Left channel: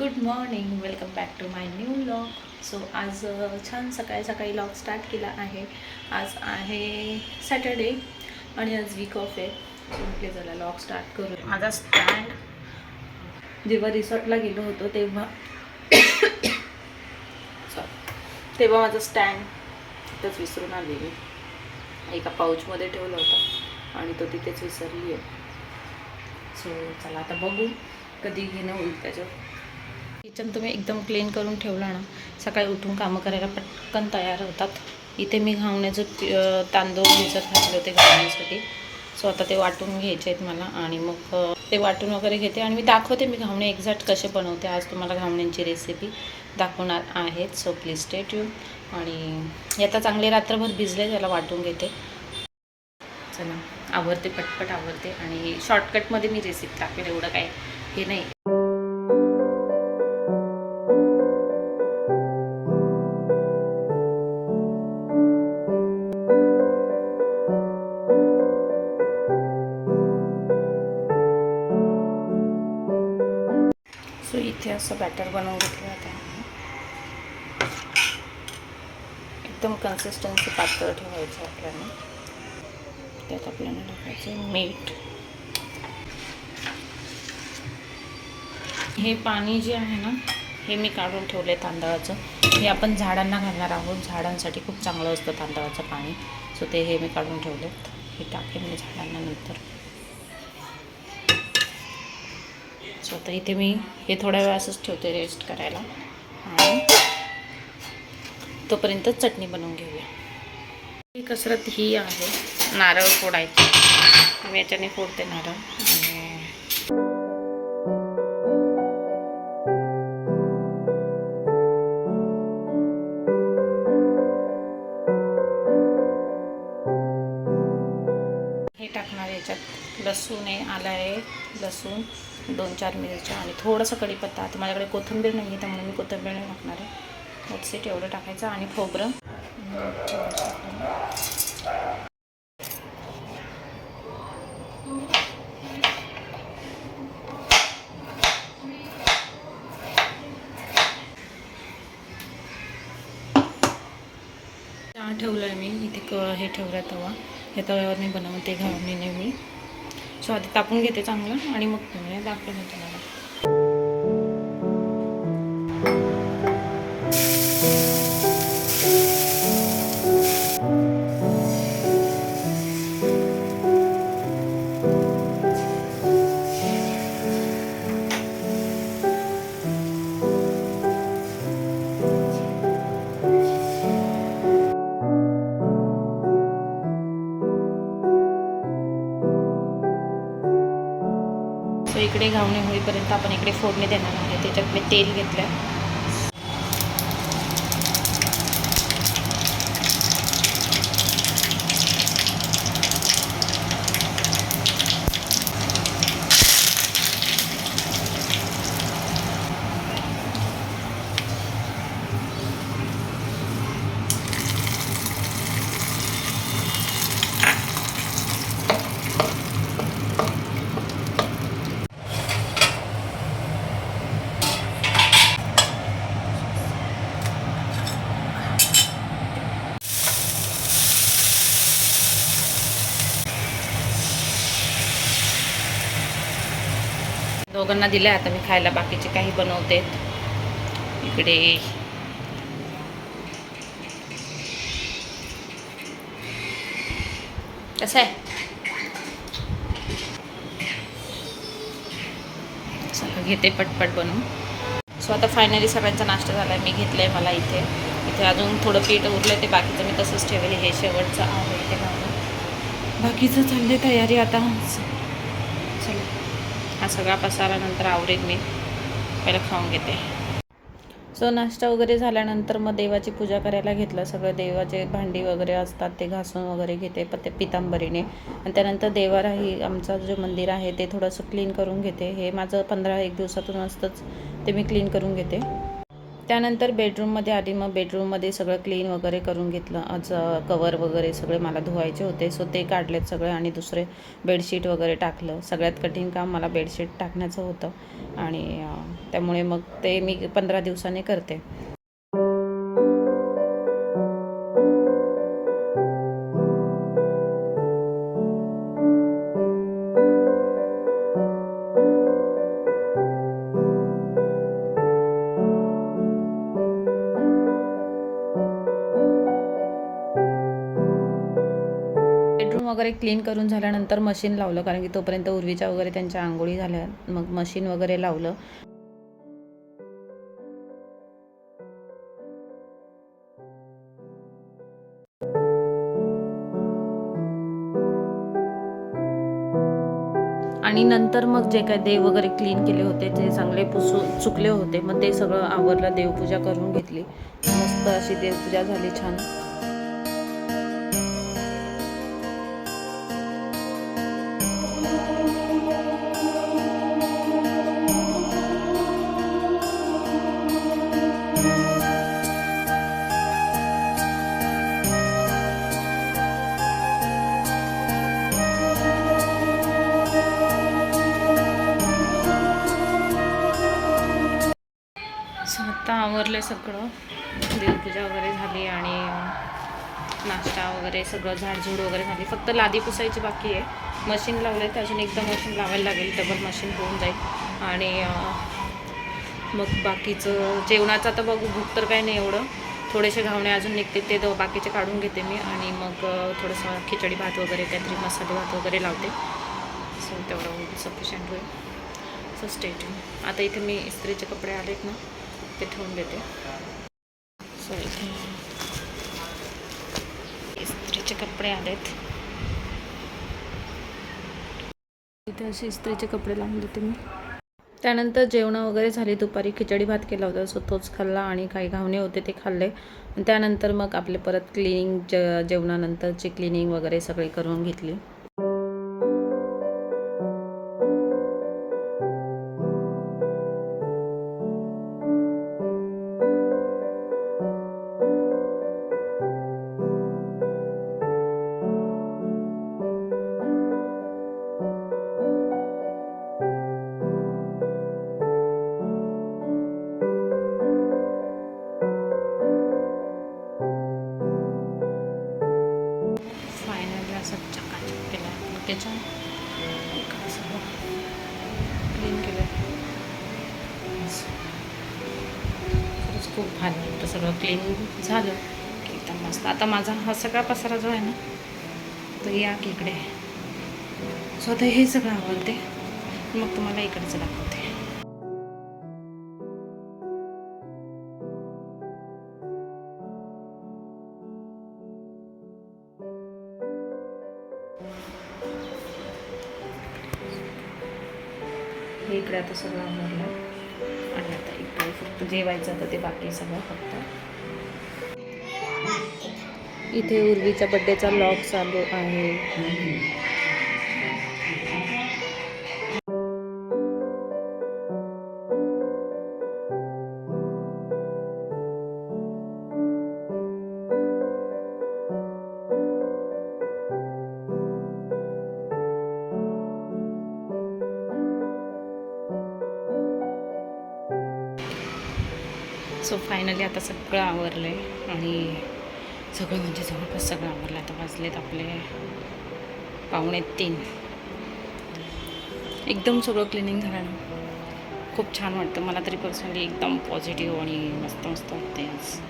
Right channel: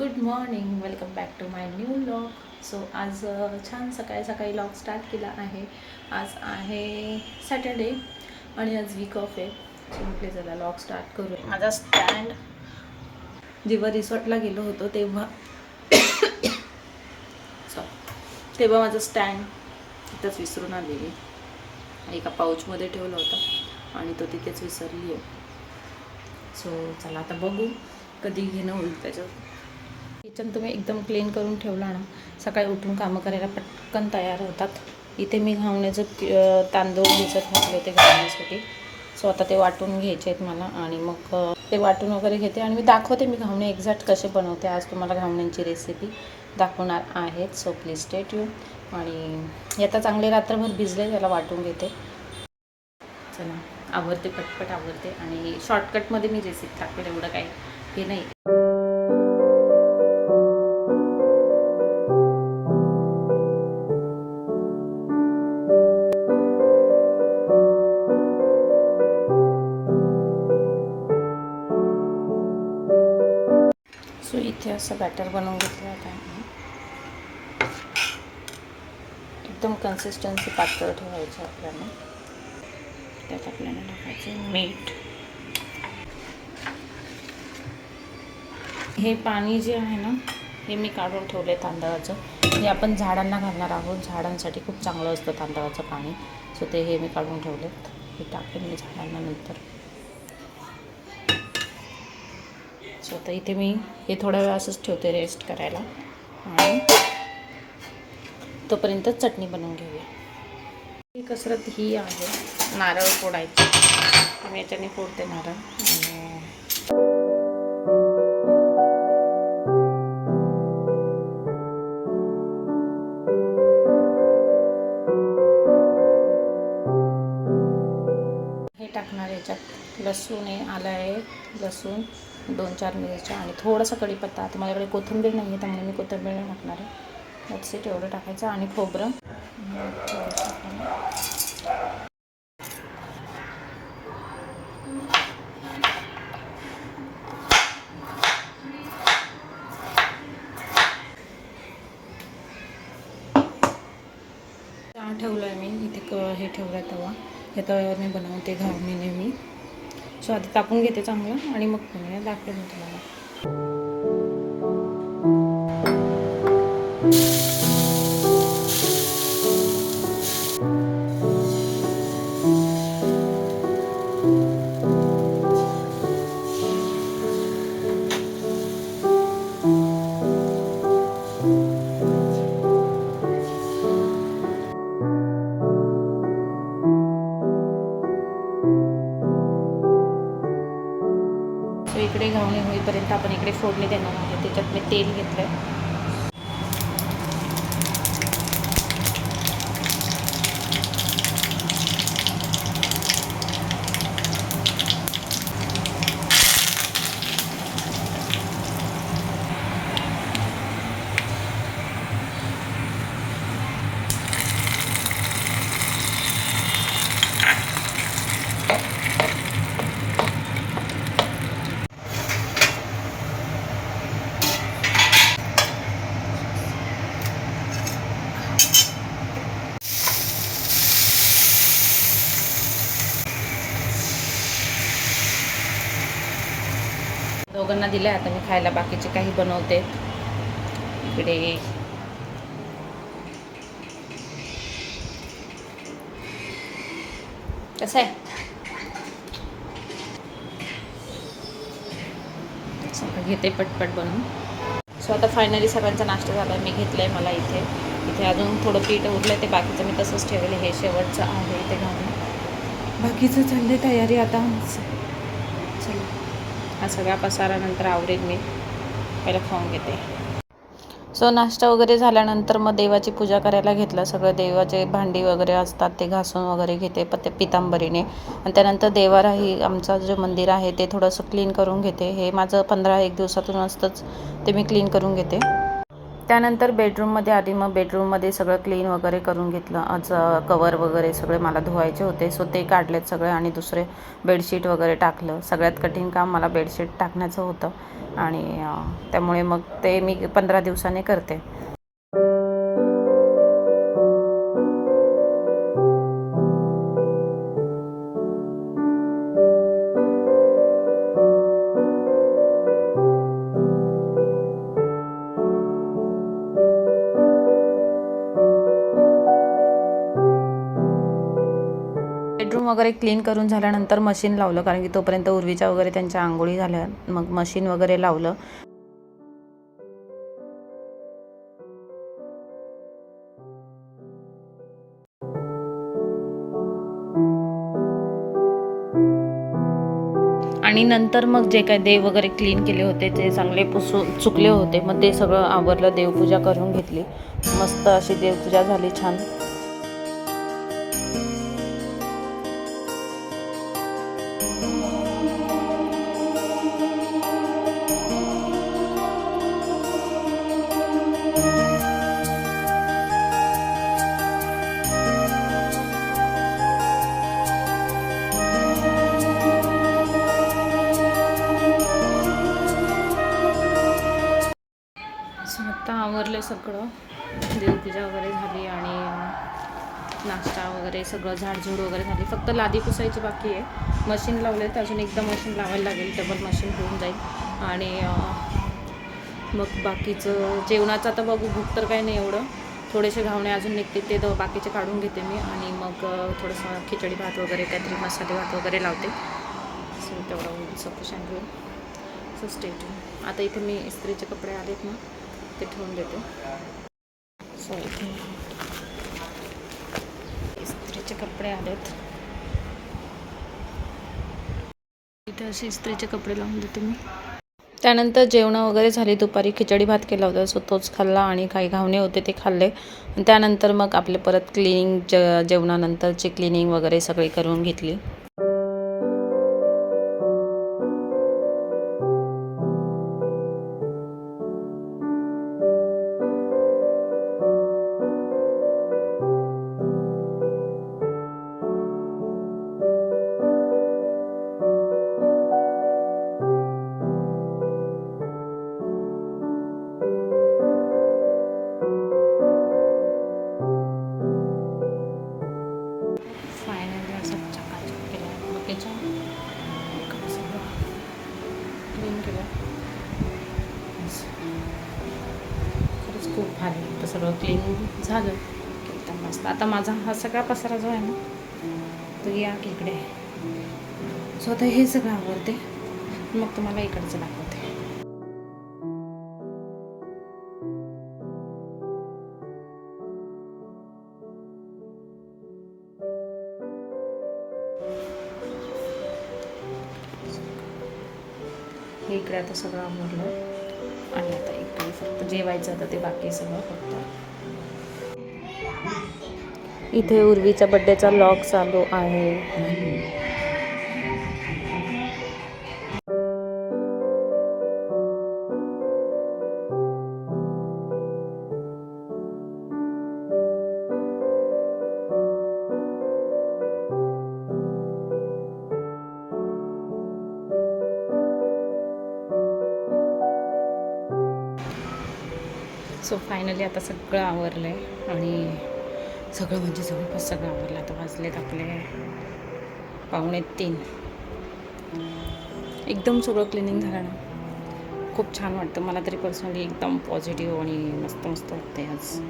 Good morning, welcome back to my new vlog. So आज छान सकाळी सकाळी व्लॉग स्टार्ट केला आहे. आज आहे सॅटर्डे आणि आज वीक ऑफ आहे. सो म्हटले चला व्लॉग स्टार्ट करू. माझा स्टँड जेव्हा रिसॉर्टला गेलो होतो तेव्हा तेव्हा माझं स्टँड तिथंच विसरून आलेली. एका पाऊचमध्ये ठेवला होता आणि तो तिथेच विसरली आहे. सो चला आता बघू कधी घेणं होईल त्याच्यावर. किचन तुम्ही एकदम क्लीन करून ठेवला ना, सकाळी उठून कामं करायला पटकन तयार होतात. इथे मी घावण्याचं तांदूळ भिजत घातले होते घावण्यासाठी. सो आता ते वाटून घ्यायचे आहेत मला आणि मग ते वाटून वगैरे घेते आणि मी दाखवते मी घावणे एक्झॅक्ट कसे बनवते. आज तुम्हाला घावण्यांची रेसिपी दाखवणार आहेत. So please stay tune. आणि आता चांगले रात्रभर भिजले, त्याला वाटून घेते. चला आवरते, पटपट आवरते आणि शॉर्टकटमध्ये मी रेसिपी टाकते. एवढं काय हे नाही. सो इथे असं बॅटर बनवून घेतलं आता. एकदम कन्सिस्टन्सी पातळ ठेवायचं आपल्याला. त्यात आपल्याला टाकायचं मीठ. हे पाणी जे आहे ना, हे मी काढून ठेवले तांदळाचं. हे आपण झाडांना घालणार आहोत. झाडांसाठी खूप चांगलं असतं तांदळाचं पाणी. सो ते हे मी काढून ठेवलेत. हे टाकेन मी झाडांना नंतर. सो आता इथे मी हे थोड्या वेळ असंच ठेवते रेस्ट करायला आणि तोपर्यंत चटणी बनवून घेऊया. ही कसरत ही आहे नारळ फोडायची. मी याच्याने फोडते नारळ. आणि हे टाकणार याच्यात लसूण आहे, आलं आहे, लसूण, 2-4 मिरच्या आणि थोडंसं कढीपत्ता. आता माझ्याकडे कोथिंबीर नाही आहे त्यामुळे मी कोथिंबीर नाही टाकणार आहे. मोठसे एवढं टाकायचं आणि खोबरं. चहा ठेवलं आहे मी इथे. हे ठेवलं तवा. ह्या तव्यावरने बनवते घावणीने मी. सो आधी तापून घेते चांगलं आणि मग तुम्ही दाखवते तुम्हाला. सो इकडे घावणे होईपर्यंत आपण इकडे फोडणी देणार आहे. त्याच्यात मी तेल घेतलं आहे. दोघांना दिले. आता मी खायला बाकीचे काही बनवते. इकडे कसं आहे, चला घेते पटपट बनवून. सो आता फायनली सगळ्यांचा नाश्ता झाला आहे. मी घेतलं आहे मला इथे. इथे अजून थोडं पीठ उरलं आहे, ते बाकीचं मी तसंच ठेवले. हे शेवटचं आहे ते घालून. बाकीचं चालले तयारी आता. चला हा सगळा पसारा नंतर आवरेल. मी पहिलं खाऊन घेते. सो नाश्ता वगैरे झाल्यानंतर मग देवाची पूजा करायला घेतलं. सगळं देवाचे भांडी वगैरे असतात ते घासून वगैरे घेते पितांबरीने. आणि त्यानंतर देवाराही आमचं जे मंदिर आहे ते थोडंसं क्लीन करून घेते. हे माझं 15-1 दिवसातून असतंच ते मी क्लीन करून घेते. त्यानंतर बेडरूममध्ये आली. मग बेडरूममध्ये सगळं क्लीन वगैरे करून घेतलं. आज कवर वगैरे सगळे मला धुवायचे होते, सो ते काढलेत सगळे आणि दुसरे बेडशीट वगैरे टाकलं. सगळ्यात कठीण काम मला बेडशीट टाकण्याचं होतं आणि त्यामुळे मग ते मी 15 दिवसांनी करते. बेडरूम वगैरे क्लीन करून झाल्यानंतर मशीन लावलं, कारण की तोपर्यंत उर्वीच्या वगैरे त्यांच्या आंघोळी झाल्या. मग मशीन वगैरे लावलं. आणि नंतर मग जे काय देव वगैरे क्लीन केले होते ते चांगले चुकले होते, मग ते सगळं आवरलं. देवपूजा करून घेतली. मस्त अशी देवपूजा झाली छान. सो आत्ता आवरलं सगळं. देवपूजा वगैरे झाली आणि नाश्ता वगैरे सगळं झाडझूड वगैरे झाली. फक्त लादी पुसायची बाकी आहे. मशीन लावले तर अजून एकदा मशीन लावायला लागेल, डबल मशीन होऊन जाईल. आणि मग बाकीचं जेवणाचं आता बघू. भूक तर काही नाही एवढं. थोडेसे घावणे अजून निघते, ते बाकीचे काढून घेते मी आणि मग थोडंसं खिचडी भात वगैरे काहीतरी मसाले भात वगैरे लावते. सो तेवढं सफिशियंट होईल. So state. आता इथे मी इस्त्रीचे कपडे आलेत ना, ते ठेवून देते. सो इथे इस्त्रीचे कपडे आलेत. इथे असे इस्त्रीचे कपडे लावून देते मी. त्यानंतर जेवणं वगैरे झाली. दुपारी खिचडी भात केला होता, सो तोच खाल्ला आणि काही घावणे होते ते खाल्ले. त्यानंतर मग आपले परत क्लिनिंग, जेवणानंतरची क्लिनिंग वगैरे सगळी करून घेतली. फायनली असं चकाचक केलं आहे. बघायच्या इकडं सगळं क्लीन केलं आहे. खरंच खूप भारी. तर सगळं क्लीन झालं की एकदम मस्त. आता माझा हा सगळा पसारा जो आहे ना, तो या की इकडे. सो आता हे सगळं आवडते, मग तुम्हाला इकडचं दाखवते. हे इकडे आता सगळं आवरलं आणि आता इकडे फक्त जेवायचं आता, ते बाकी सगळं फक्त. इथे उर्वीच्या बड्डेचा व्लॉग चालू आहे. सो फायनली आता सगळं आवरलं आहे आणि सगळं म्हणजे जवळपास सगळं आवरलं. आता वाजलेत आपले 2:45. एकदम सगळं क्लिनिंग झालं ना, खूप छान वाटतं मला तरी पर्सनली. एकदम पॉझिटिव्ह आणि मस्त मस्त वाटते आज.